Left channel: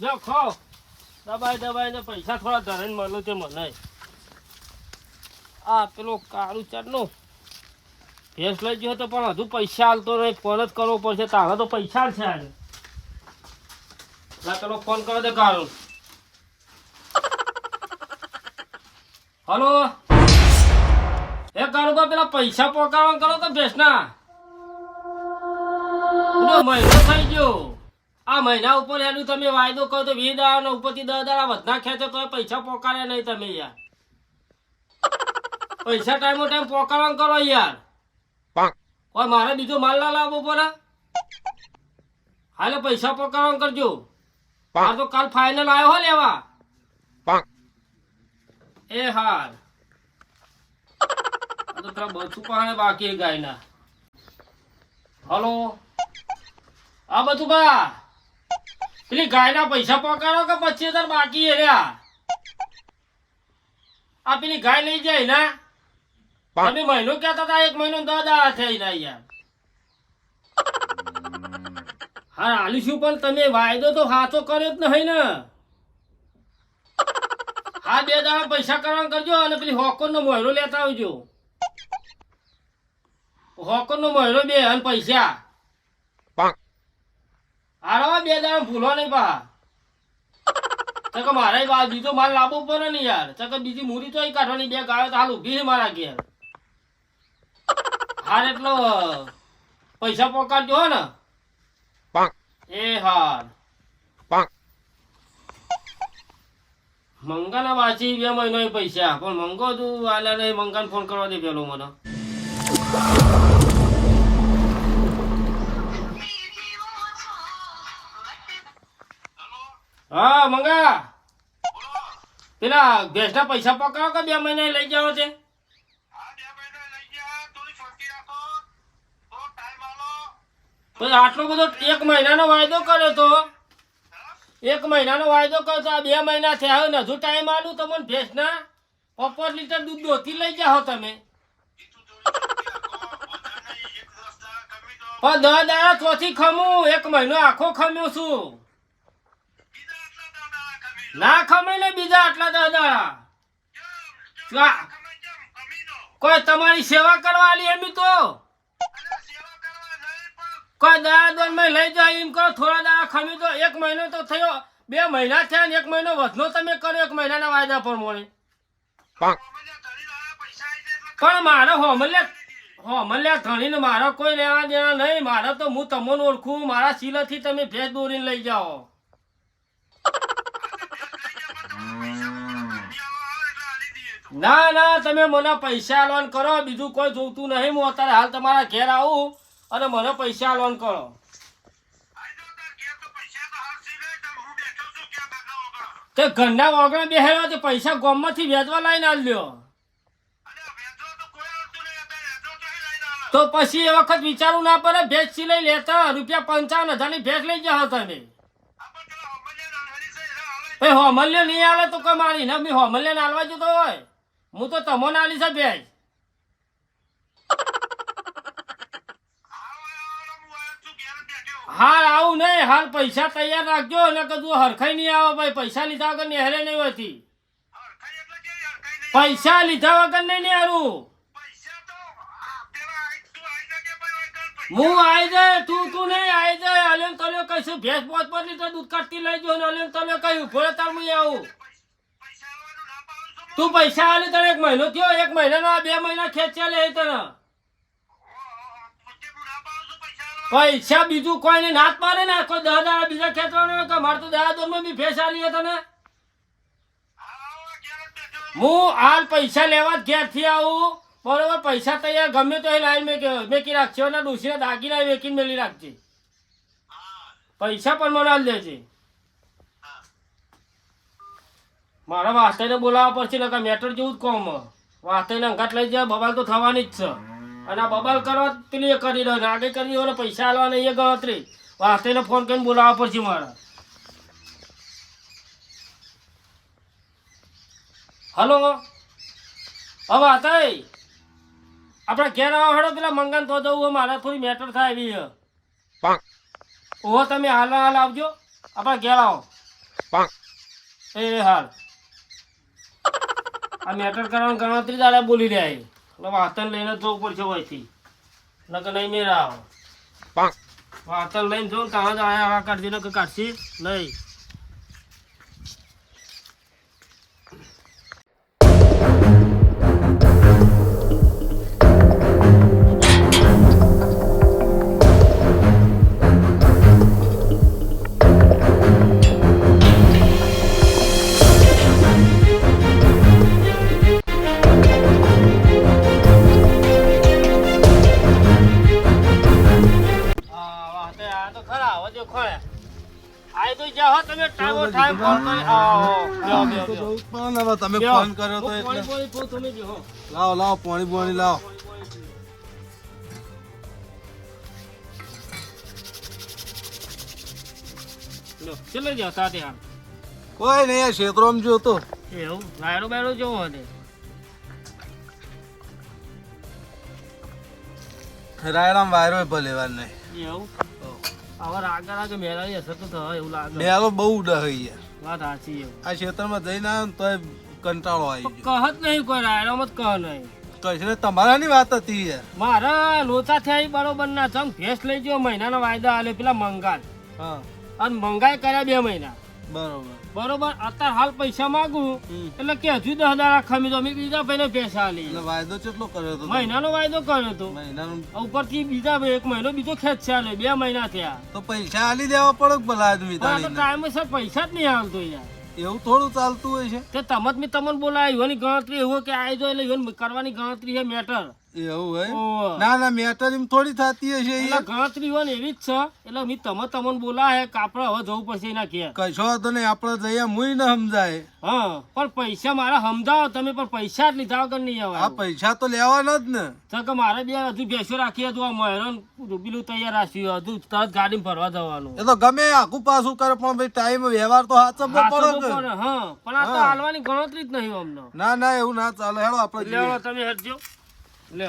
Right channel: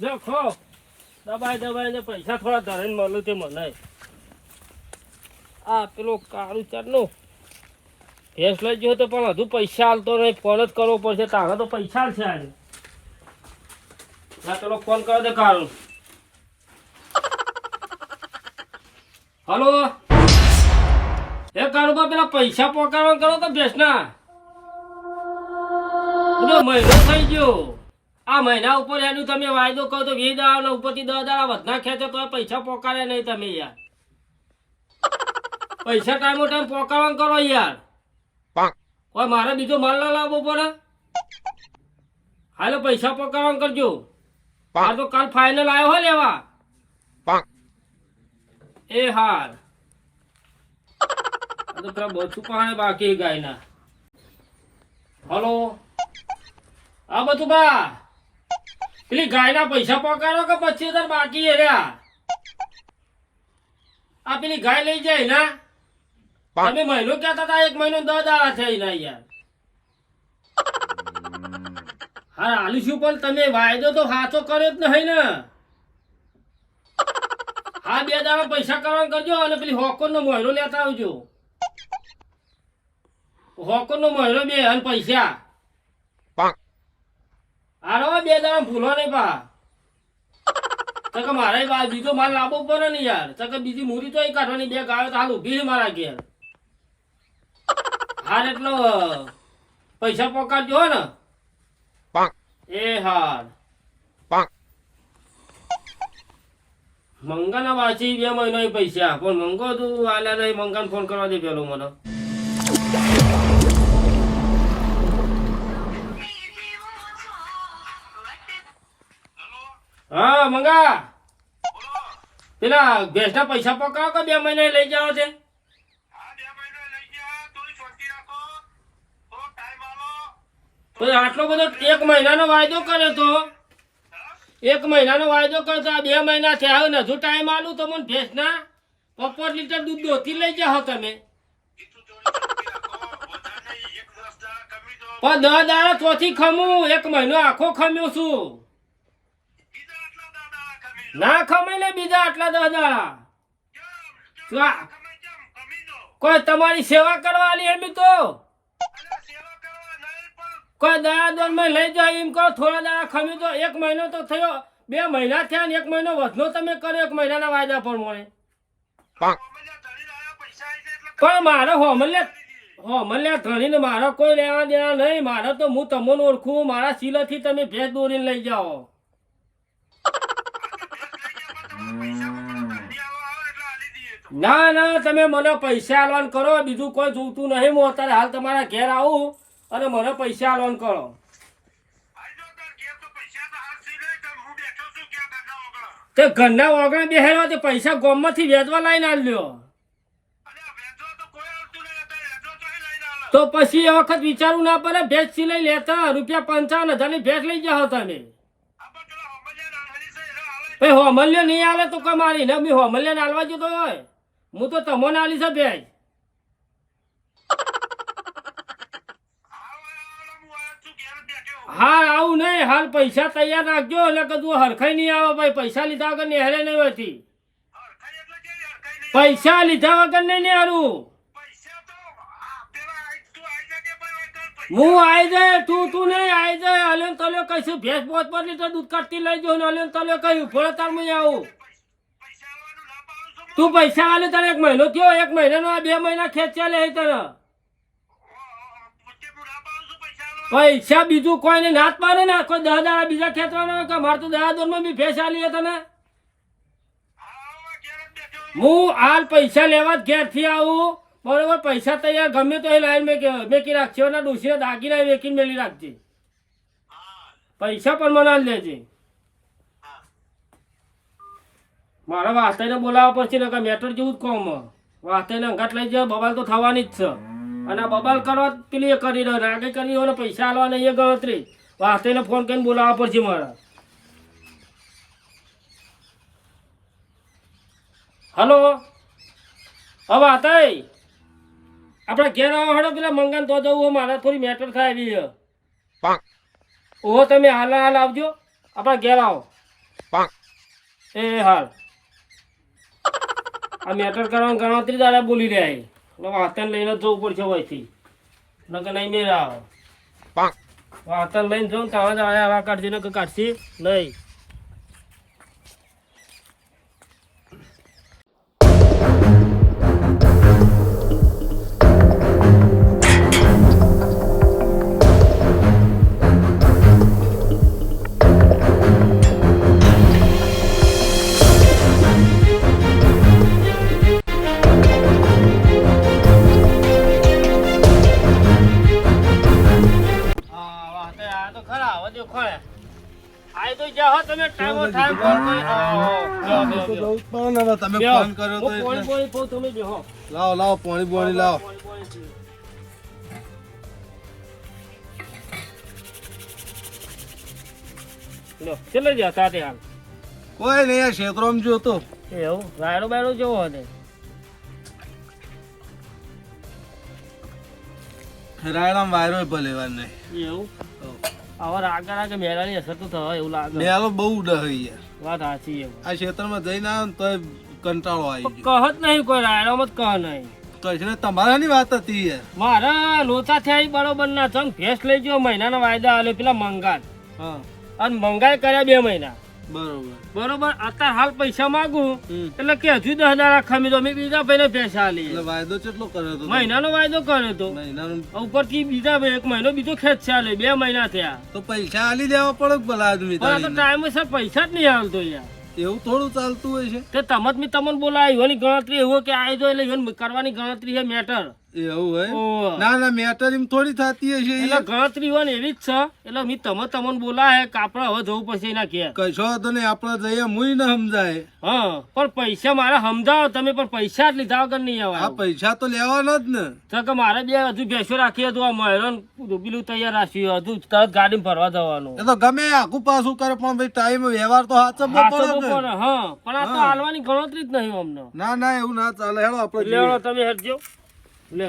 જો ખો દબાઈ ને પૈસા થોડા ધરીને મળું તે મને આ પેલો કાળું ચરનું ભેંસ લઈ ગયો તો પણ હજુ પૈસા હાલતો નહીં ફોન જ કરવો પડશે તારે તો પૈસા છે આજે ના પેલો ફોન કરો દે કાળું હલો એ કાળું પેલા પૈસા પકડવા કરો કે ભેંસના મહિનો થઈ ગયો આ મહિના ઉપર એનું તમે વાયદો કહો તો 20 દાડા ઉપરથી 10 દાડા વધના ખેંચો તો પૈસા પોકાડે નહીં તમે યાર પૈસા ટાઈમો ટાઈમ પોકાડવાનું કરો યાર કોઈ મારે બીજો માલ ના લાવવો પડે હાલે પૈસા પોકાડવાનું કરજો મારે તો કાલ ફાઇનલ આવ્યો હો લેવા એ હાલ તો પેલા બચું પાણે બાકી ગાયના હલો આ બધું બા પેલી ગાયના પૈસા પકાડો કે 25,000 બાકી રહ્યા આ પેલી ગાય લઈ જાય ને તમે મહિનો કહેતા હતા 1 મહિનો 10 દાડા થઈ ના યાર હા આલીશું પણ તમે વાયદો તો સાચો કર્યો જ નહીં ને હા 2 દાડા પૈસા કરવાનું કરજો અને પેલી હોકોર નો મહિનો લેતા આવજો હોકોર નો મહિનો 2 અને પૈસા આરાવા 2 દાડા ભૂલવા નહીં પા તો મારે બીજો માલ લાવવો પડે ને યાર તો બીજી મૂરી તો કાઢવાની 2 ગાયો તો હાલ ઉભી છે મારા ઘેર હાર એટલો પૈસા પકડજો ને એ હાર મંગાના વાંચી 2 મહિના પૈસા પણ મંગો તું આલ્યા નહીં મંગાને ફોન કરવા દે પેલો મને હા મંગા પેલા ભેંસના પૈસા પકડાવો કે 2 મહિને લઈ જાઓ છે તો આટલો બધો 1 મહિનાનો વાયદો કર્યો તો 1 મહિનાનો વાયદો કર્યો તો 2 મહિના થયા ને હજુ ટાઈમ આલું તમને ભેંસના 5 લીટર દૂધ દોતી લઈ જાઓ તમે પણ 10 દાડા ચોથી ખમું 1 મહિનો આખો ખમ્યો છું ના ખમાય ને બીજા આટલા 10 દાડા કોઈ તમારી સેવા કરવા આલી એમ તો કોઈ દયા દોન માં લઈ જાય એમ કરો થોડા દાડા ખમ્યું તો 1 મહિનો તો થયો 2 મહિના થયા ને 1 મહિનો વધનો તમે કર્યો 1 મહિનાના વાયદા પર મળે પણ મારો હોમલ્યા ધણીને મારો કોઈ લેવા દેવા નહીં મારા તો હું તમને ઓળખું મારા સિલેથી તમે ભેંસ દોરીને લઈ જાઓ ના ના તમે મને પૈસા આલવાન કરો બીજું કોઈ જોતું નહીં હું અત્યારે હાલ તમારા ઘેર આવું અને મને પૈસા આલવાન કરો તે ઘરના વગર બેહેલો તે પૈસા ગોમમાંથી વેચવા લાઈને આલ્યો તો પછી એ વખત વિચારવું ના પડે ભેંસ સિલાઈ લેતા ₹55,000 ની ભેંસ લઈ જાઓ તમે હોમલ્ય નહીં આવે તો કમારી ને મેં હોમલ્ય ને આલવા જતો હોય હું તો તમને આલી છે ભેંસ હા આવું નહીં હાલ પૈસા તૈયાર રાખજો એટલે કદું હરખાઈ નહીં આવે ભાઈ પૈસા લીધા વગર નેહરે નહીં હોતી પૈસા લીધા વગર નહીં નેહરું હું આવી જાય તું નહીં આવી જાય અલેન તલ્યો કહીશું ભેંસ 5 લીટર દૂધ કાઢતી લઈ જાઉં અલેન તલ્યો કહ્યું ફોડે તાર હું આવું તું પૈસા આલે તને 1 મહિનો થયો 1 મહિનાનો 2 મહિના ખેંચ્યા લે તને પૈસા બીજું કોઈને નાત પાડે ને કોઈ 10 દાડા બીજા ખેંચવાના કે મારે તો 10 દોરમાં બી ભેંસ આલી તને હું હાલ પૈસા લેવા જ ઘેરથી આવું બરોબર પૈસા તૈયાર ગમે તો એ લાઈન મેકી રાખશે ના ડોસીને દાગીના વેકીને મેલી રાખજે પૈસા પણ મને લેજે મારા વાસ્તેને બોલાવવા પડશે ને મેટર જેવું જ કોમ વાસ્તેને અંગાટ લઈ જાય બબાલ તો થવાની જ છે અને આ બબાલ કરવા પેલી એ કરી રહ્યો આગે કરી રહ્યો ને પૈસા આલવા નહીં એ ગણતરી વાસ્તેને ફોન કરીને બોલાવવા પડશે મારા હલો હવે હતા આપણે ઘેર આવો હડો પેલા મંગાન તો દઉં મારે થોડી મેટર થાય એવી ઓહો તમે હાલ આવજો આપણે ઘેર આવો એ હાલ આ મેટર કરવાનું ગણતરી તારે બોલી રહ્યા એટલે વાતન લઈને જવું પડશે હોયથી નકર નહીં મેળા આવે વાતન લઈને જો ત્યાં જ આવે આવા કાઢી ને કાઢશી નહીં લાવો પાણી લાવો. ચલો જતા તે હાલ કોઈ નહીં ક્ષેત્રોમાં જોતો એવું વાયરો બાયરો જોવો ને રાયણામ વાયરો ભલે વાર નહીં એવું હવે આગળ મેળાની અસર તો થાય એવું લાગે મેળો બહુ ડહે યાર વાત સાચી એવું આ ક્ષેત્રમાં જઈને આવ્યો ને તોય કંટાળો આવી કહત નહીં કોઈ રાયરામાં જ કહ નહીં ગયો તો તમારાની વાત હતી યાર મારા લોચા થયા બરોબર ના ચમ ભેંસ લઈ ગયો મહિનાના વાયદા આલ્યો પેલા મંગાલ હા અને મંગાઈ કર્યા 2 મહિના બરોબર અત્યારે હાલ પૈસા માંગુ એટલે કે હજુ 10 દાડા ખમી દો મેં બીજા ભાઈને પૈસા આલી એટલે વાયદો કેટલો કર્યો હતો મહિનાનો વાયદો કર્યો તો મહિનાનો ઉપરથી બીજા 1 મહિનો બીજો ખેંચ આલે 2 મહિના થયા તો પૈસા આલી દેવા પડે ભલા આદમી પણ આ તો ટાઈમે સર પૈસા જ નહીં આવતો યાર એવું થોડું ચાલતું હોય છે તે તમને બોલાય એની ગણતરી એવો કે આવી જો એટલે કરવાની ગણતરી છે મેટર એવું હોય ના મેટર એમ થોડી થતી હશે એટલે ગણતરી હોય ને એવી જ છે એટલે મેં તમને બોલાય કે આપણે હવે જવું પડશે એના ઘેર કશો તો નહીં આપણે જઈએ મુય ન સમજાય હા પણ પૈસા મારા સમજાવો તમે પણ પૈસા જ લીધા વગર નહીં આવે આ પૈસા તો લેવાના જ ને તો કે મારે હજુ ભેંસો રાખી હતું આ મહેરાન પેલું તૈયાર રાખ્યું હજુ તરત ગાડી ફરવા જવાનું એ તો ગમે આખું પાછું કરે પણ ભાઈ ટાઈમ વ્યવહાર તો સાચવવો પડે હા પણ આ તો હાલવાની ગણતરી જ નહીં અમને ના એવું ના ચાલે હેડો આપણે લેવાનો તમે હટજો લે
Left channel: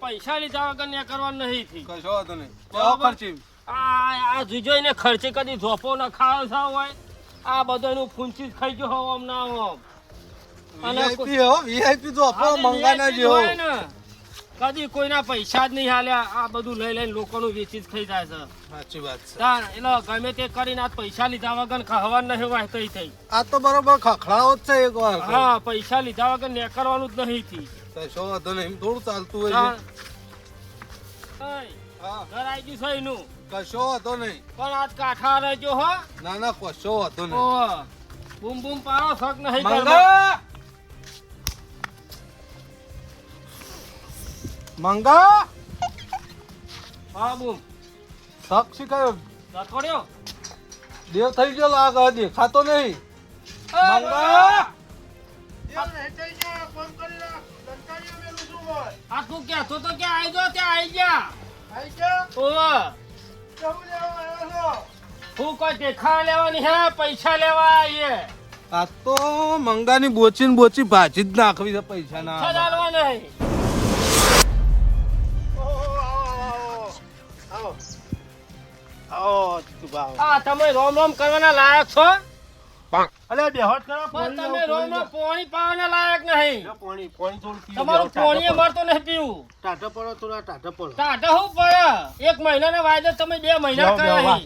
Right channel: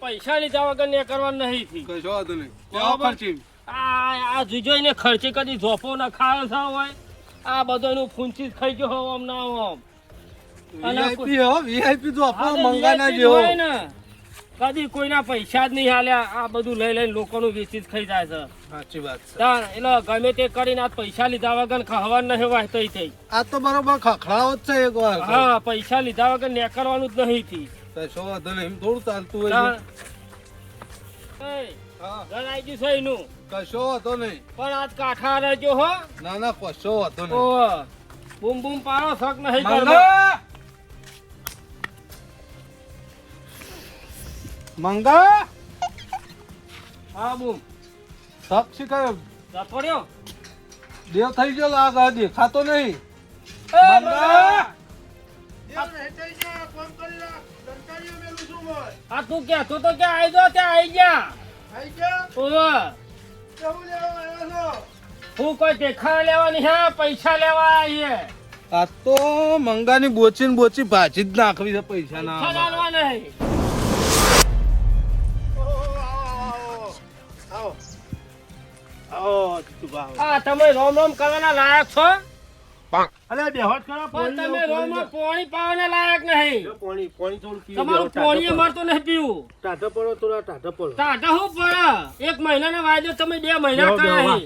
પૈસા લીધા વગર ને કરવાનું નહીં થી કશો વાંધો નહીં કેવો ખર્ચી આ જોઈને ખર્ચે કદી ધોપો ના ખાવા થા હોય આ બધોનું ફૂંચી ખાઈ ગયો હોવ આમ ના આમ વીઆઈપી તો આપણો મંગાના જેવો હોય ને કદી કોઈના પૈસા જ નહીં હાલ્યા આ બધું લઈ લઈને લોકોનું વેચી જ ખાઈ જાય છે સાચી વાત છે તાર એટલે ગમે તે કરીને આ પૈસા લીધા વગર ખાવા નહીં વાહતો થઈ આ તો બરોબર ખખડાવો જ છે એક વાર હા પૈસા લીધા વગર નેકરવાનું જ નહીં થી કશો વાંધો નહીં એમ થોડું ચાલતું હોય ઘર આવી ગયું છે એનું કશો વાંધો નહીં પણ આજ કાઠા રહેજો હો ના કશો વાંધો નહીં બૂમ બૂમ પાડો શક નહીં કરવો મંગા હા બૂમ શક શીખાયો રખોડ્યો દેવ થઈ ગયો લાગ હજી ખાતો નહીં આ તું કે તું તો ક્યાં આવી ગયો ત્યાં આવી ગયા હું કોઈ દેખા લેવાની હે પૈસા લેવા આવીએ આ તો મંગાની બોચી ભાજી જ નાખવી છે પૈસા ના નહીં તમે રોમ રોમ કરવાના લાયક છો તમે રોમ રોમ પાણી પાવાના લાયક નહીં તમારું પાણી અમારે નહીં પીવું ટાઢા હું પડે 1 મહિનાના વાયદો તમે 2 મહિના કર્યા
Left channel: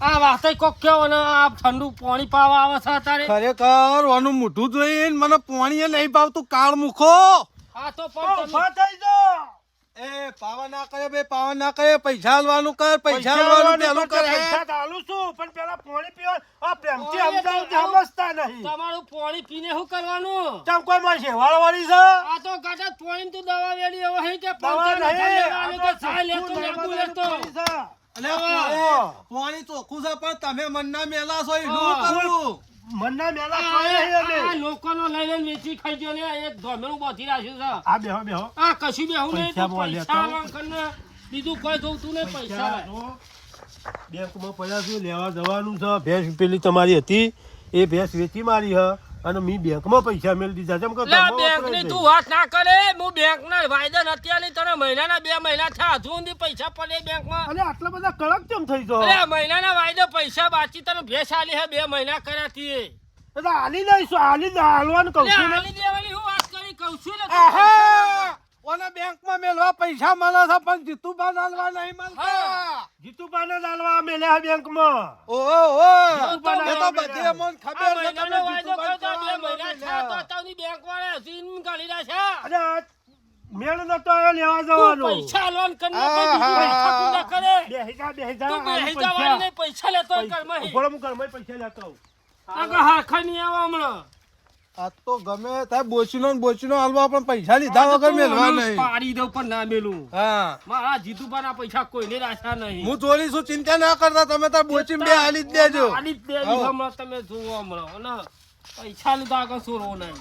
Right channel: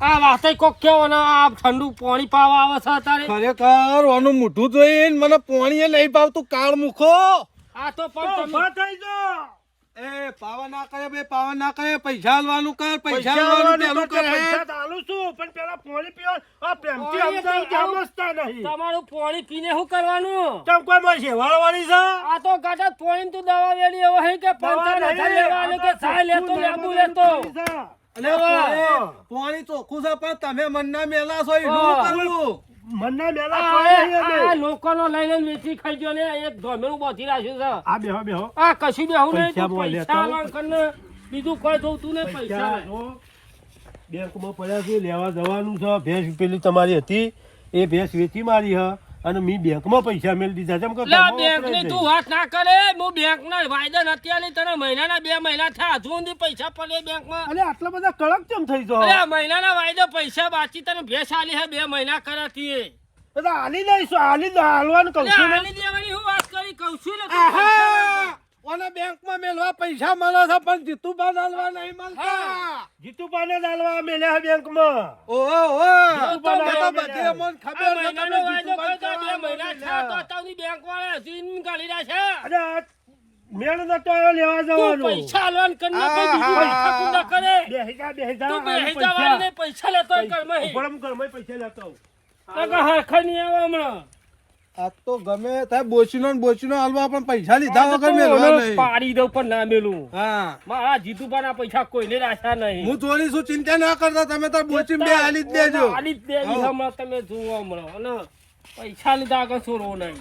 આ વાતે કોક કેવો ને આ ઠંડુ પાણી પાવા આવે છે અત્યારે ખરેખર ઓનું મોઢું જોઈને મને પાણી નહીં ભાવતું કાળ મૂકો આ તો પણ એ પાવા ના કરે બે પાવા ના કરે પૈસા આલવાનું કર પૈસા આલવાનું પેલું કર તમારું પાણી પીને શું કરવાનું આ તો ગાડા પાણી તું દવા વેડી એવો હે કે 55,000 લેવાનું કે સાય લેતો લેબુ લેતો પાણી ચોખ્ખું છે પણ તમે મનના મેલા છો એટલું કરું લોકોનો લઈને વેચી ખાઈ ગયો ને એક ધોમેલું બાંધી રાખ્યું છે આ કશું બેહું નહીં તું પૈસા આલવાનું બીજું કોઈ જોતું ને પૈસા બેંકમાં પડ્યા છે લેવા જવાનું છે ભેંસ પેલી તમારી હતી એ ભેંસ વેચી મારી હ અને મી બેંકમાં પૈસા મેળ દીધા જેમ કે લે ઘરમાં બેંક વપરાય ની તું જાય. વાત ના કરે હું બેંક ના વાયદા નથી આલી તને મહિનાના 2 મહિના થયા હજુ સુધી પૈસા પડે બેંક માં અલે આટલા બધા કડક કેમ થઈ ગયો અરે મહિનાના વાયદો પૈસા બાકી તને ભેસ આલી હે 2 મહિના કર્યા તીએ બધા હાલી દઈશું હાલવાનું કહું લે છું ને આલી દેવાની હું વાત કરી કહું છું ને આહા! ઓને બેંકમાં મેલવા પૈસા મળે છે પણ જીતુબા નાલવા નહીં મળતા જીતુબાને ડાલવા મેલ્યા બેંકમાં ઓહો ઓહો જીતુબા એ તો નાલવા બધી મેલ્યા. અમોને આ ખબર છે મહિનાનો તમે વાયદો જીતુબા કર્યો 2 મહિના થયા તો તારી બેંક વાળા સીન કાઢી રહ્યા છે અને આ મેળ નતો આવ્યો લેવા તું જવાનો પૈસા આલવાન કરી નાખે બીજું પૈસા તું ના કરે બેહી જા તું આલુ બેહી પૈસા જવાની પૈસા લેતો હોય ઘરમાં ઉપર હું ઘરમાં પૈસા લેતો હોઉં. કાકા હરખા નહીં આવે હમણાં આ તો ગમે ત્યાં બોચીનો હાલવા પણ પૈસા લીધા આ તો વગર તું મેલવા ઓનો નહીં પાડી દઉં પણ ના મેલું હા મારા જીતુબાના પૈસા કોઈને રાખ્યા નહીં હું ચોરી છું ચિંતા ના કરતા તમે તાર બોચી બે હાલી જ દેજો આલી જ દેવી હમણાં તમે જુઓ હમણાં અને પૈસા લીધા આગળ સોરવો નહીં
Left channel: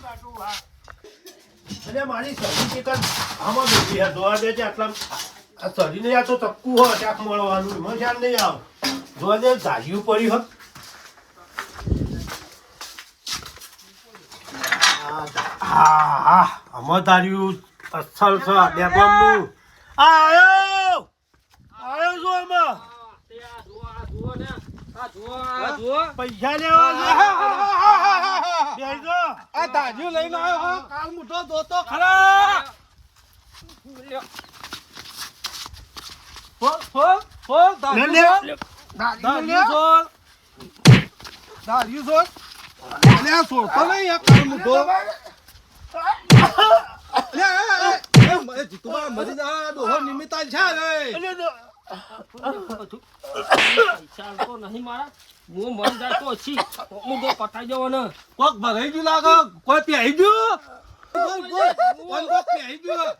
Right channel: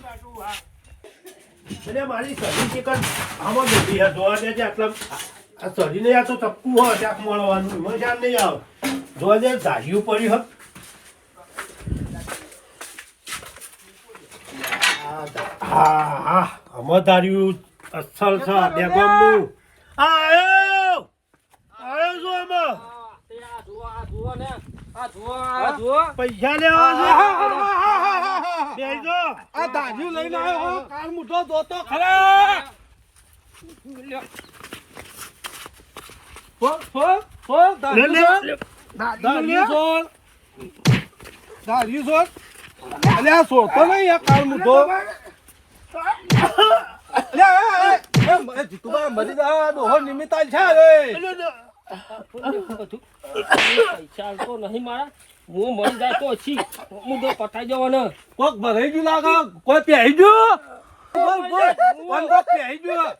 એટલે મારી સડી ચિકન આમાં બેઠી છે જોવા દે છે આટલા આ સડીને આ તો ચક્કુ હોય ત્યાં મળવાનું એમાં ધ્યાન નહીં આવે જોવા દે ધાર્યું પડ્યું હોત હા આમાં ધાર્યું અસલ છે ડેગોમનું આયો છો એમાં પૈસા લેવા છે બેસજો. આ દાજીઓ લઈને આવ્યો કાલ મુઠો દોતો ખરા લે, લે, લે. દાજીઓ છો અલ્યા સોતો નહીં આ કાલ મુઠો જીતુબા મરી જા ડોહો નિમિત્તાલ છે રે પૈસા તો નહીં મારા હું મરી જાય તો છી હું તો પટાઈ જવાનો કોક ભરાઈ ગયું લાગે કોઈ પહેરી ગયું કોણ કોક પહેરી ગયું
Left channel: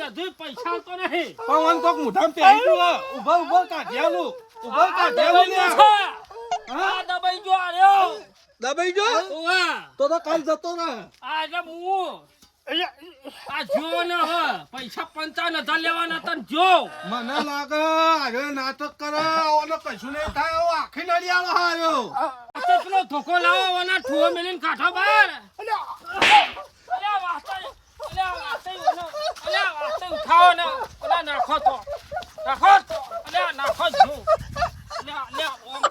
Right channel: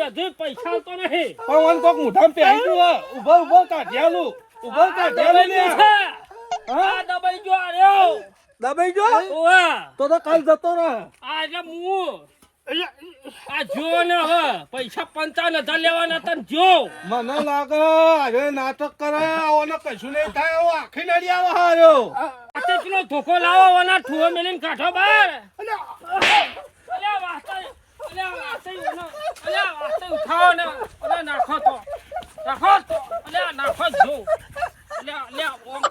અધુ પૈસા તો નહીં પણ કોક મુઠામ પહેરી ગયું ઉભો કાઢ્યાલું ને આ દબાઈ ગયો આર્યો દબાઈ ગયો ઓવા તો કાલ જતો રહે આ એટલે હું આ જો ને હ પૈસા 55,000 લેવાના હતા ને જો મને લાગે અરે નાટક કરે આવાનો કશું નહીં થાય આવો આખી નડિયાળો હાર્યો આતે પેલો ધોકો લાવો ઓના ઠુઓ મેલીને કાઢો બહાર અલ્યા વાસ્તે ઉઠાવો ને ઓલા નાખો તો અલ્યા નાખો જો અલ્યા ઓમ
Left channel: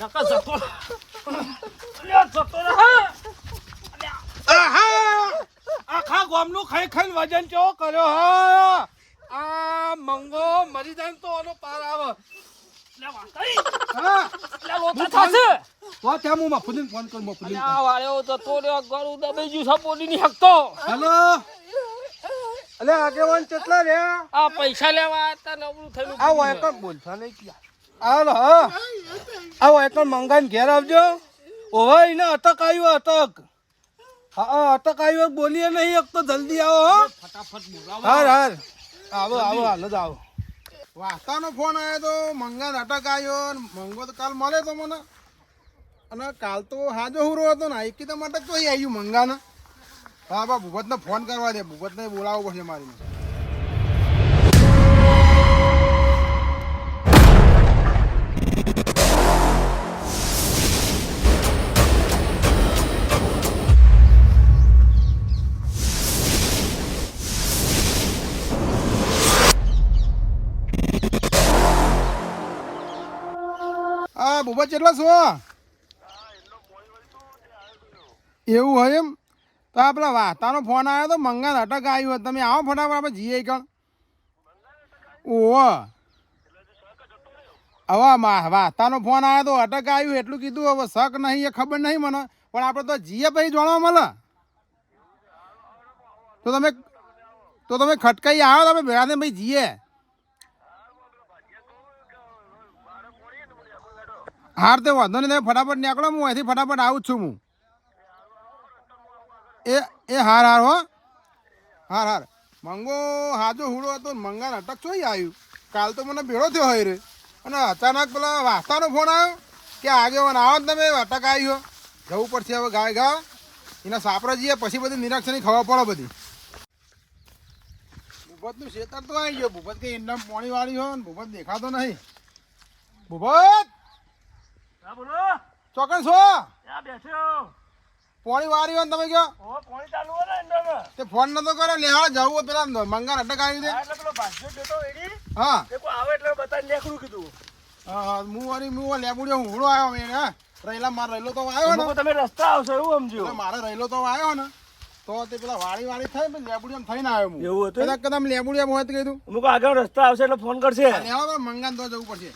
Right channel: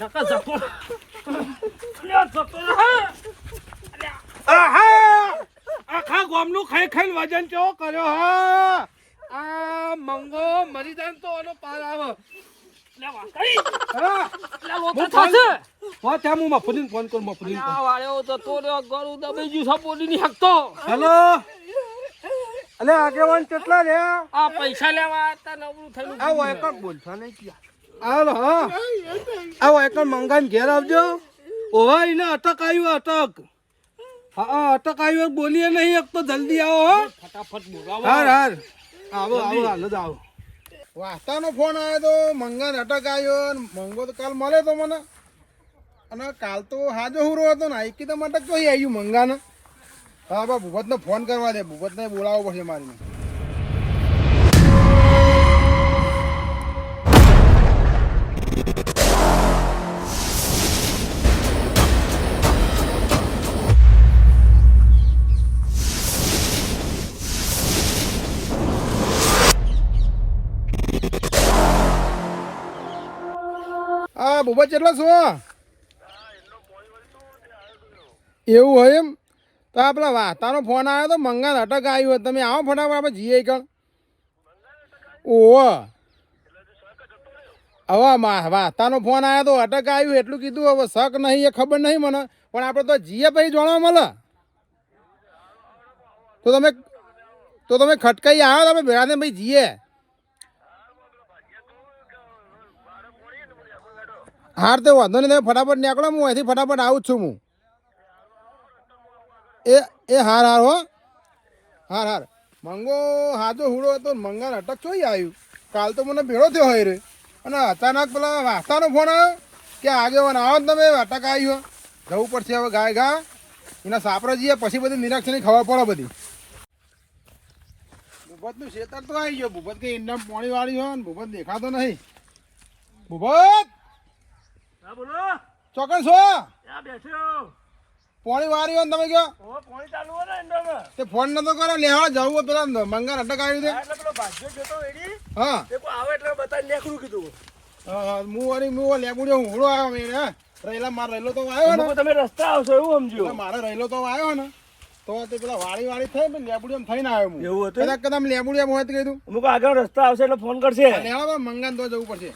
નકો જતો અલ્યા જતો રહે આખા ગામનું ખાઈ ખાઈને વજન કેવો કર્યો હા આ મંગો મરી જાય ને તો આનો પાર આવે અલ્યા વાસ્તે હા અલ્યા લોતો થશે તો ત્યાં હું મફુદીન ફોન કરું મફુદીન આ વાળ્યો જતો રહ્યો ગળું દબાઈ ગયું છે બોલી ની હકતો હેલો અલે આગેવાન કેટલા રે આ પૈસા લેવા હતા નવરું થયું આ વાયકર બોલતા નહીં ક્યાં આ હા આ વાયકર મંગાન ઘેર આવજો ઓહો એને અટક આવ્યું અટક હા અટક આવ્યું બોલીએ નહીં એક તો જલ્દી આવો હો ફટાફટ બોલાવો હાર આવો હાલ જ આવો વાસ્તાનો ફોન આવ્યો તો મંગાન અટક આવ્યો મંગો તો કાલ મળે તો મને અને કાલ તો હાજો હુરો હતો ને આઈકી તો માટે કઈ આવ્યું મંગાને હા બા ભૂપતને ફોન કરવા દે ભૂપતને બોલાવવો પડશે મારીને હા ભૂપત કેટલા છો એવું હોય એમ તો આ પેલા વાતાનો ફોન આવ્યો તો મંગાન અટક આવ્યો તમે આવો ફટાફટ આપણે જઈએ કણ ઓહો હવે વાતાનો ફોન આવ્યો તો અટક આવ્યું એટલું કીધું હવે શક નહીં એ ખબર નહીં મને પણ આપણે તો જઈએ પછી જાણવા મળે તો તમે ખટકાઈ આવો તમે ભેળા ને ભાઈ જઈએ હાર તે વાંધો નહીં તમે ફટાફટ નીકળો હું અહીંથી ફટાફટ આવું જ છું હું હાર હો હાર મંગો હાજો હુડો હતો મંગાન અટક ચોઈ આવ્યું કાલ તો મને ભેળો થયો હોય રે અને અચાનક પેલા વાસ્તાનો ફોન આવ્યો કે આગેવાન આવો ને તમે અટક આવ્યો જવું પડશે હવે ગાય ગા એના સાપરા જઈએ પછી બધી નિરીક્ષણની ખબર પડે બધી ભૂપત નું ખેતર તો આવી ગયો. ભૂપત કે એમના પાણી વાળી હોય ને ભૂપત દેખાતો નહીં. ભૂપત હા બોલો ચોકન છો? ત્યાં બેઠો પાણી વાળી હોય ને તમે કયો ઓ પાણી ચાલુ હોય ને એન્ડોમાં તે ફોન નતો કરે લેવા જવું હોય પેલા મંગા અટક આવ્યું છે. એટલે પેલો ભાગ્યો જોતો એડી હા એ કોઈ આવે એટલે બતાવી નાખું કીધું હા હું લેબુડ્યો હુંડો આવ્યો મેં હે રહેલા માર રહેલો તો આવ્યો ને તમે રસ્તા આવશો એવું સમજો એટલે મારે રહેલો તો આવ્યો ને તો તે પેલા વાળી થઈ ને લેબુડિયામ થઈને આવ્યો હું. એવું હતું કદાચ લેબુડિયામ હોય તો કીધું અમુક આગળ રસ્તા આવશે એટલે ફોન કરશે લેવા મંગાન તો જવું પડશે.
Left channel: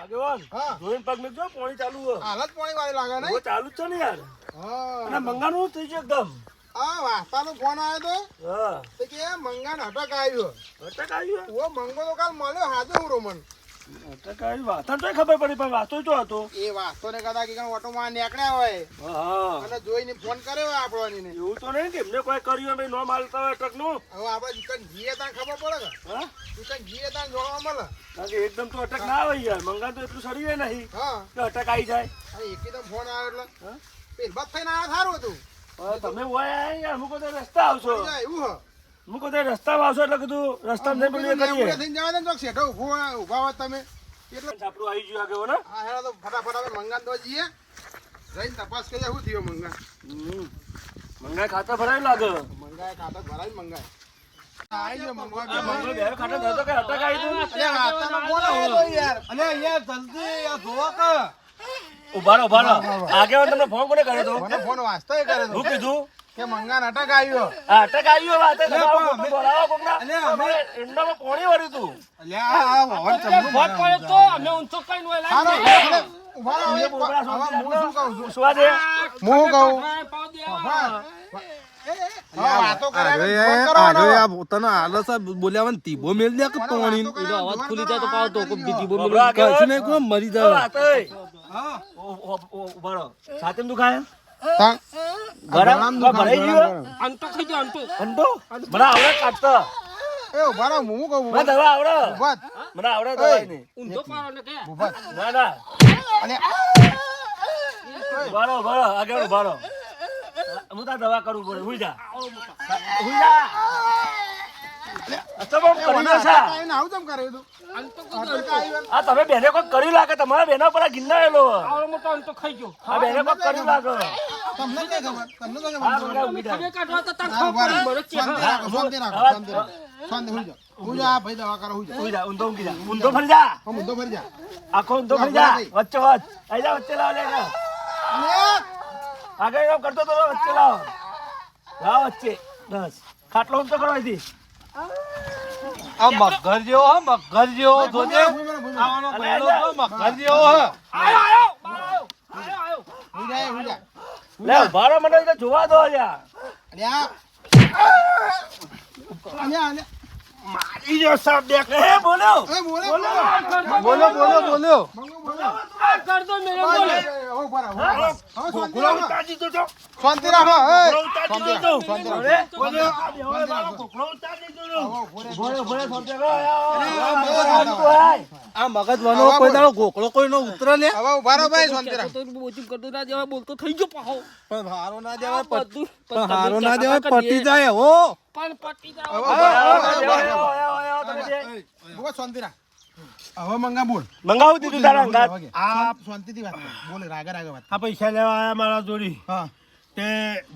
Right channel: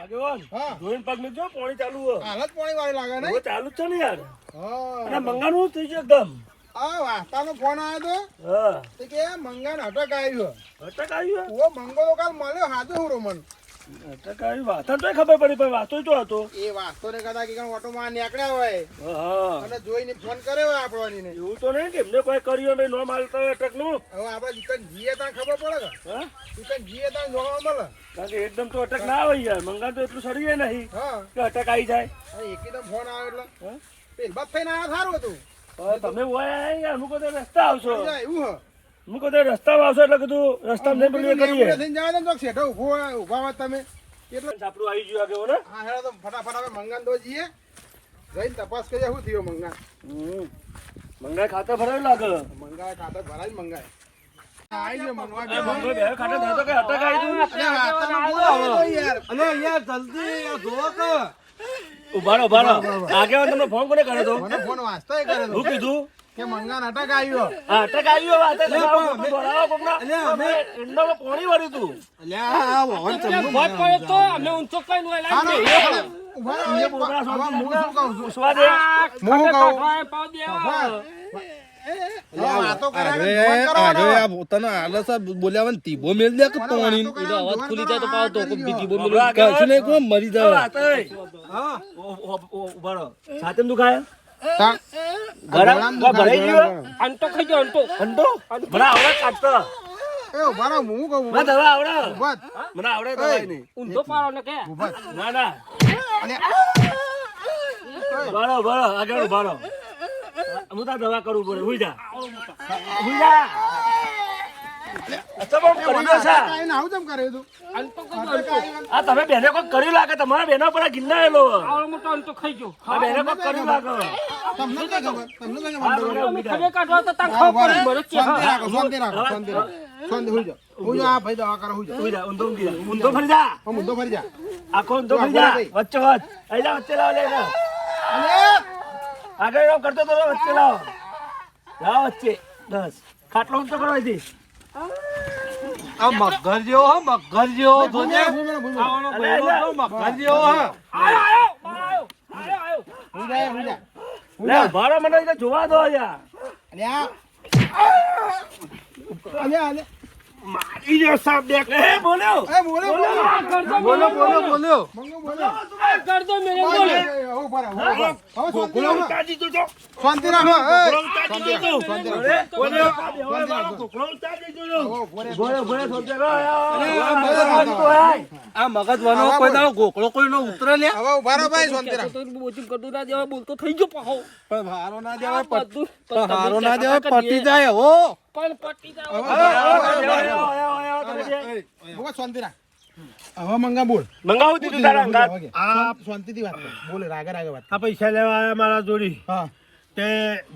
આગેવાન હા જોઈને પગ મૂકજો પાણી ચાલુ હોય હાલત પાણી વાળી લાગે ને. હવે ચાલુ જ છે ને યાર હા અને મંગાનું થઈ ગયું એકદમ આ વાસ્તાનો ફોન આવ્યો હા તો કે મંગાન અટક આવ્યો. અટક આવ્યું ઓ મંગો તો કાલ મળ્યો હાજુ હું રોમન. અટક આવી વાત તો ખબર પડી પણ વાતો તો હતો એ વાસ્તો ને કદાચ કે ઓટોમાં નીકળ્યા હોય હા અને જોઈને ફોન કર્યો હોય આપણને. એવું તો નહીં કે એમને કોઈ કર્યું મેં નો માલતા હોય અટક નું હવે આપણે દુકાન જીએ ત્યાં ખબર પડે કે હા દુકાન જીએ ત્યાં જોવા મળે. કારણ કે એકદમ તો અટક ના આવે યાર મંગા તો એટલું સડી નહીં હા કે અટક આવી જાય એકદમ ફોન આવ્યો એટલે હા પેલ બસ થઈને આવ્યા સારું હતું. હવે તમે હોય યાર અમુક તો રસ્તા આવશો એવું હે અમુક તો રસ્તામાં આવશો એટલે કીધું રસ્તા નહીં પેલું કરીએ થઈને જવા દે ને ચોક શેઠો ઊભા હોય તમે એટલે આપણું આવી ગયું આગળ ને હા હેડો તો ફટાફટ આપણે મંગાન તો જઈએ જઈને તપાસ કરીએ શું થયો મંગા. મંગા ખાતર ભરાયું લાગે મંગાય ખાતે ભરાય મંગાય આવી ગયો મંગવા આ મંગળ બે ખાતર ધરતો કે અટક આવી તું અરે વાતમાં બોલાવો યાર. અને યાર જલ્દી આ જોવો કે ઉભારો આગેવાન તમને ફોન કોને કર્યો તો મને ફોન વાંચતા કરે શું કીધું કે મંગાન અટક આવ્યો. આ અટક આવ્યો વાત એટલે અમે એન્ડોમાં પાણી વાળ્યું તું અલ્યા વાત પડે તો અમે ઊંચો કઈને હોય લાવી દઈએ. ઉભા રહો, એ બોબડા હવે હું શું કહું છું? પૂછવા દે હું કહું. કાંઠાએ પાવ દેવા. હવે વાતો કરે ફોન કરવાનો. તને આલસ બોલ્યા તીબો મેલ દે કે પાણી અવાજ ખુલી જાય તો પાવ તો બીજી બોલ કશું નહીં કોણ મરી જાય હા ઉભારો સાથે દુખાય તા- ગળામાં ભરાઈ ગયો અંતો ખાઈ જાઓ અંતો. અંડો બરા આવડે કાઢતા એ ઉભા રહો, હું કહું મને દવા આવડે ઉભા જ. મને આવડે દવા ની ઊંધો પાડો ને કે ઉભા જ. ના ના અને બરો આગળ ઉભારો હું તાર દવા કરું બોલ હુઈ જા હુઈ જા તો બહુ કરી દો સા એને આવું કેમ કર્યું તું? અંતો ખાઈ અટક જાઓ. આવ્યો. આ તમે બેને કોઈ કર્યું લાગે તમારા બેનો પર ગિન્ના એલો આવડો મોટો અંતો ખાઈ જાઓ. આ બેને કોઈ કર્યું લાગે તમને કઈ ખબર? તમને કઈ હા, ખબર? મને તમે ખબર કાઢવા તો તાર હા, ઉભા ખબર રહો. પડે. મને કે શાંતિ હા. રાખો, શાંતિ રાખો, શાંતિ રાખો. શાંતિ હુઈ જાઓ. હુઈ જાઓ, આ ભાઈ દવા કરો, હુઈ જાઓ. હુઈ જા ઊંધો ઊંઘી જા ઊંધો ફરી જા હા, મુદ્દો ફરી જા. આખો ઊંધો ફરી જા વચ્ચે વચ્ચ આઈ જા વચ્ચે લાવ લે અને આગળ એમ કરતો તો વચ્ચે લાવ વચ્ચે બસ ખાટલો ઊંચો કરો અહીંથી આ મગર જેવો હો મગર જેવો જોજે આવવાનો અલે, પહેલો અલે. તો મગર જેવો હો આયો, આયો, આયો, આયો. હુઈ જા, હુઈ જા. લે ભાડો મને તો જોવા દો યાર અને આ અલ્યા, અલ્યા. મારી જો સાહેબ દેખ એ બોલ્યો એ બોલો, બોલો. આ કરતો મેલે બોલે. બોલ્યો મંગો બોલો. આ કરતો મેલે બોલે. હવે ઉભા રહો, હવે ઉભા રહો. હવે શાંતિ ગોળો રાખો. ઉતારી દીધો શાંતિ રાખો. ગોળો ઉતારી દીધો શાંતિ રાખો. બોલ્યો શાંતિ રાખો. ગોળો ઉતારી દીધો હવે ઉભો રહે. ગોળો ગોળો થોડે ગો આ મગજ વાનો કોઈ દાડો ગોકળો કોઈનો ઉતરે લે હવે ઉભા રહો ભાઈ, શાંતિ રાખો. તો બોચું કરતું ના દેવાય, બોલતો થઈ ગયો પાહો. પણ હારો ના દેવાય બધું પણ હારો ના દેવાય પટી જાય હો પણ પટી હવે જાવ. ઉભા રહો. ઉભા, શાંતિ રાખ. હવે મંગા બોલ. મંગાવું દીધું તારા અંગાત આ શાંતિથી વાત કર. બોલે રાગે રાગે વાત કર. આ પૈસા લેવા આયા મારા જોડી હા તે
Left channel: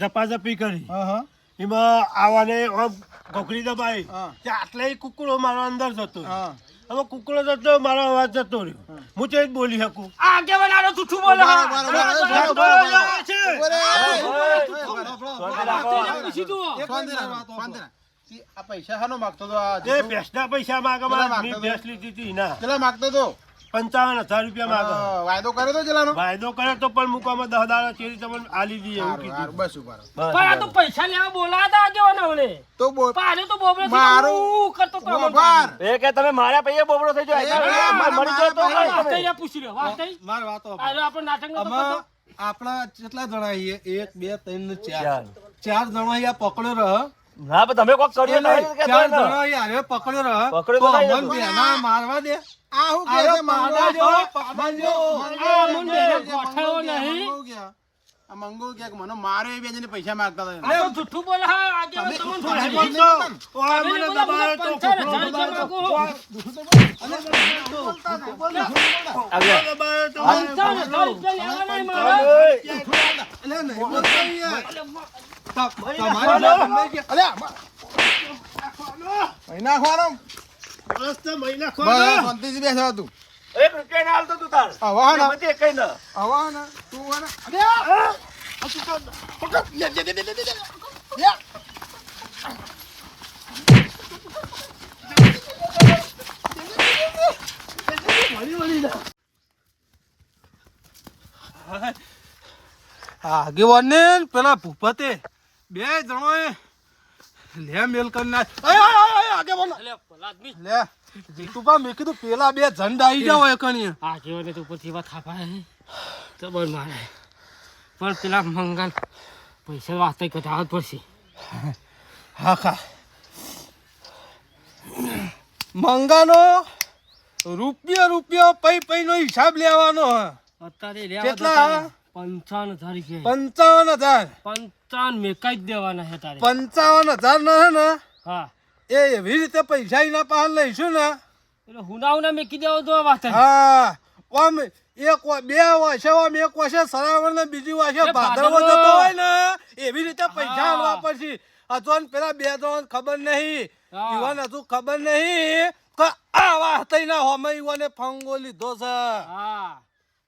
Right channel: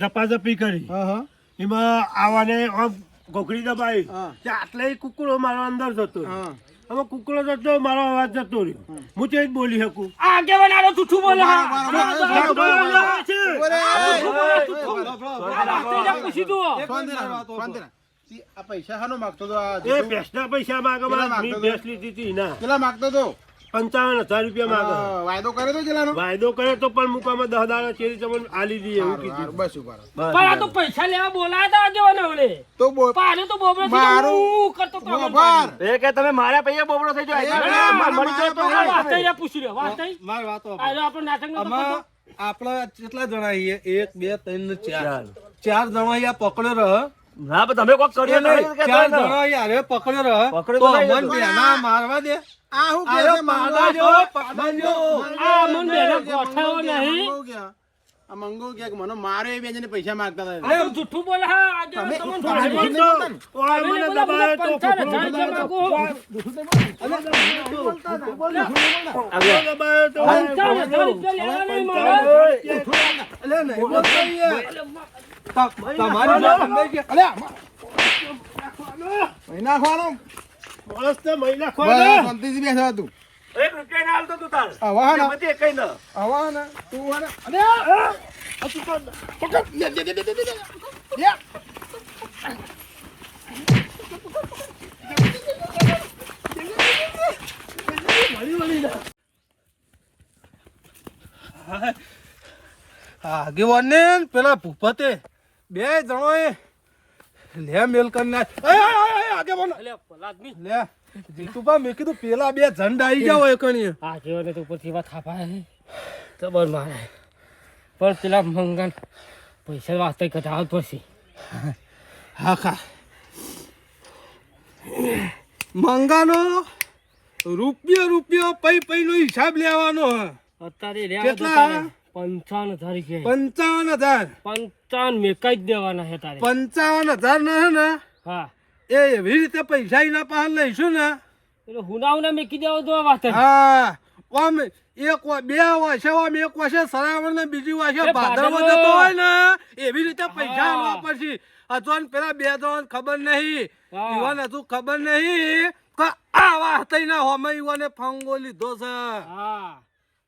ઝપાઝપી કરી હા હા એમાં આવાને આમ ઘોઘરી દબાઈ હા. તે આટલે કુકડો મારો અંદર જતો રહ્યો. હા હવે કુકડો જતો રહ્યો, મારો અવાજ જતો રહ્યો હું તે જ બોલી શકું આ આગેવાન આલો જૂઠું બોલે હા. બરાબર, આ બરાબર. જૂઠું બોલે છે. બોલે. જૂઠું બોલે, જૂઠું. આ વાતે જા પૂછી દો. શાંતિ રાખ, શાંતિ રાખ. ઈ આ પૈસા શાનો માગતો તો આ એ જીતુ? ભેંસના પૈસા માગે કેટલા મારે. મેં માગતો ભેંસ લીધી હતી ના કેટલા માગતો તો 55,000 રૂપિયા માગે હા, વાયદો કર્યો તો કેટલાનો? વાયદો કર્યો તો પણ મુકામાં 10 દાડા ચેરી તમને આલી દઈએ એવું હારું, કીધું બસ ઉભા રહો. પણ આ તો પૈસા લેવા બોલાયા હતા આગેવાન ઓલે. તો બોલ. પાડે તો બોબડે થી મારું હું કરતો તો અમર ઉભાર. એ કે તમે મારા પૈયે બોબડો થઈ એ જાય મને મારા આ વાતે જા પૂછી લે. વાતે મારી વાતો આ જો આપણે નાટક નતો આમાં કરતો. આપણા કેટલા જણા છીએ 1 2 3 4 જણા અહીંયા પકડ્યો રહ ના પણ તમે કોક કર્યું નહીં 4 જણા અહીંયા પકડ્યો રહ પકડ્યો તો તો નહીં અમન બેના મારવા દે આ હું કહે છે મંગો? પાડા જો પાડા જો આ મન બેને ગોઠાવો નહીં. મંગો ક્યાં? આ મંગો કે મને મારે એ બે જણે પૈસા માંગતા હતા આ તો જૂઠું બોલે હા આજે તમને તમે ભાડે જૂઠું નહીં બોલતા ને? તમે નહીં બોલા, મને 15,000 માંગુ. જૂઠું તો બોલ. અલે, 15,000 રૂપિયા લેવા નહીં મારે. અલે, નહીં બોલતા યાર. તમારી વાત નહીં કે અલે અહીં નાખવાનો મસ્ત મહિના બસ ખોલો શાંતિથી બેસા તું હવે હે ને હવે હે ને તું હે ને અલે આ તું તો પકડ લે. આગેવાન ને પેલા ભૂપતે બે જણોએ લે મેલ કરી નાખ આગેવાન અલ્યા, ભલા આદમી. લે જીતુભા મેં કીધું પેલા બે ઝંડ આવી ગયા હોય કણી આ કેવાને તો ઉપરથી વાત થાપાય જબર મારે પણ પેલા મંગન પૈસા વાસ્તે કઢાવવા જ પડશે. હા ખા મંગાનો રૂપિયો પૈ નો હિસાબ લેવાનો અત્યારે રહ્યા કેટલા? 55,000 રૂપિયા 55,000 55 મેકાઈ જ દેવાના છે તારે. 55,000 નો હે ને હા એ એવી રીતે પૈસા એના પાસે લઈશું ને એટલે હુના મેકી દેવો તો વાત જ. હા ઓમ બે વાસે ઓમ એક વાસે સરાવર ને બીજી વાસે એ ભાદરવો ભાદરવો. જતો હોય ને એવી રીતે પૈસા હા. આલવા પડશે. અજોન પેલા બે જણ ખબર નહીં હા. ઈવન હજુ ખબર નહીં તો આવા થઈને હોમે ઈવને ફંગો લીધો છે. હા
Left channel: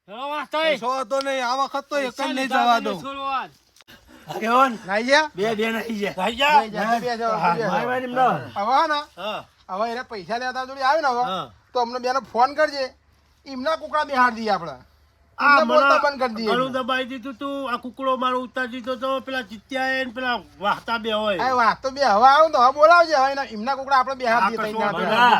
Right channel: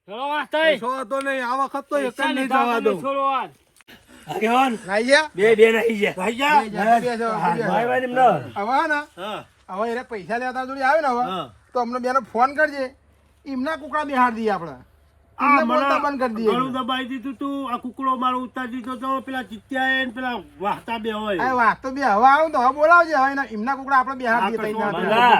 ચલો વાત થાય. કશો વાંધો નહીં આ વખત તો એક જ પૈસા નહીં લીધા જવા તમે દઉં. છોડો વાત. આગેવાન નાઈ ગયા બે નાખી ગયા નાઈ ગયા બેસો, બેસો. ભાઈ ભાઈ એમનો હવે હે ને હા હવે એને પૈસા લેતા જોડી આવે ને હવે હા. તો અમને બેનો ફોન કરજે એમના કુકડા બિહાર દઈએ આપણે આ એમને બોલતા બંધ કરી દઈએ ઘણું દબાઈ દીધું તું આ કુકડો મારો ઉતારી દીધો તો પેલા ચિત્યા ને પેલા વાહતા બે હોય આ વાત તો બે હવે આવું તો હવે બોલાવજે હવે એમના કુકડા આપણે બિહાર દઈએ તઈ ના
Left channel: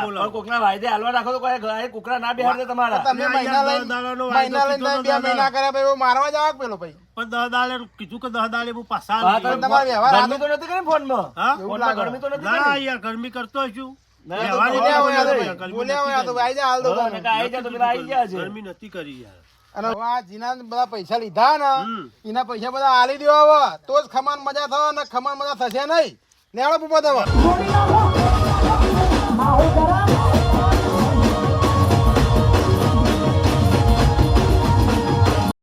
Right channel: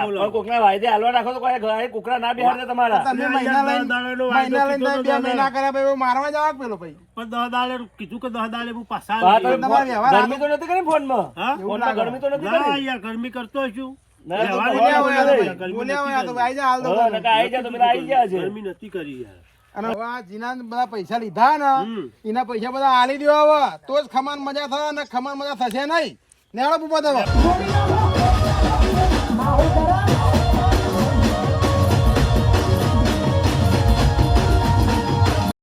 ભલા, કોકના વાયદે હાલવા રાખો તો કોઈ કુકરા ના બેહાડે તમારા તમે ના, મહિના યાર, લઈને દસ દાડાનો વાયદો મહિના લઈને કીધો તમે બે તો મહિના કર્યા પછી મારવા જાવ પેલો ભાઈ પણ 10 દાડે કીધું કે 10 દાડે હું પાછા હા, આવી. તમે તમારે વ્યવહાર ગરમી તો નથી કરી ફોનમાં હા? ફોનમાં ગરમી તો નથી ના કરી યાર ગરમી કરતો છું ના, તો વ્યવહાર તો એટલે બોલ્યા ગરમી બોલ્યા નથી હોય તો કરી. આઈ જા હાલ તો હા, નકા આઈ જા તો પેલા આઈ ગયા છે ગરમી નથી કરી યાર અને હવે આ જીના બધા પૈસા લીધા ને હમ. એના પૈસા બધા આલી દેવા હવે તો જ ખમાન મજા થાય ને ખમાન મજા થશે નહીં નેળો પૂપો દેવા મારો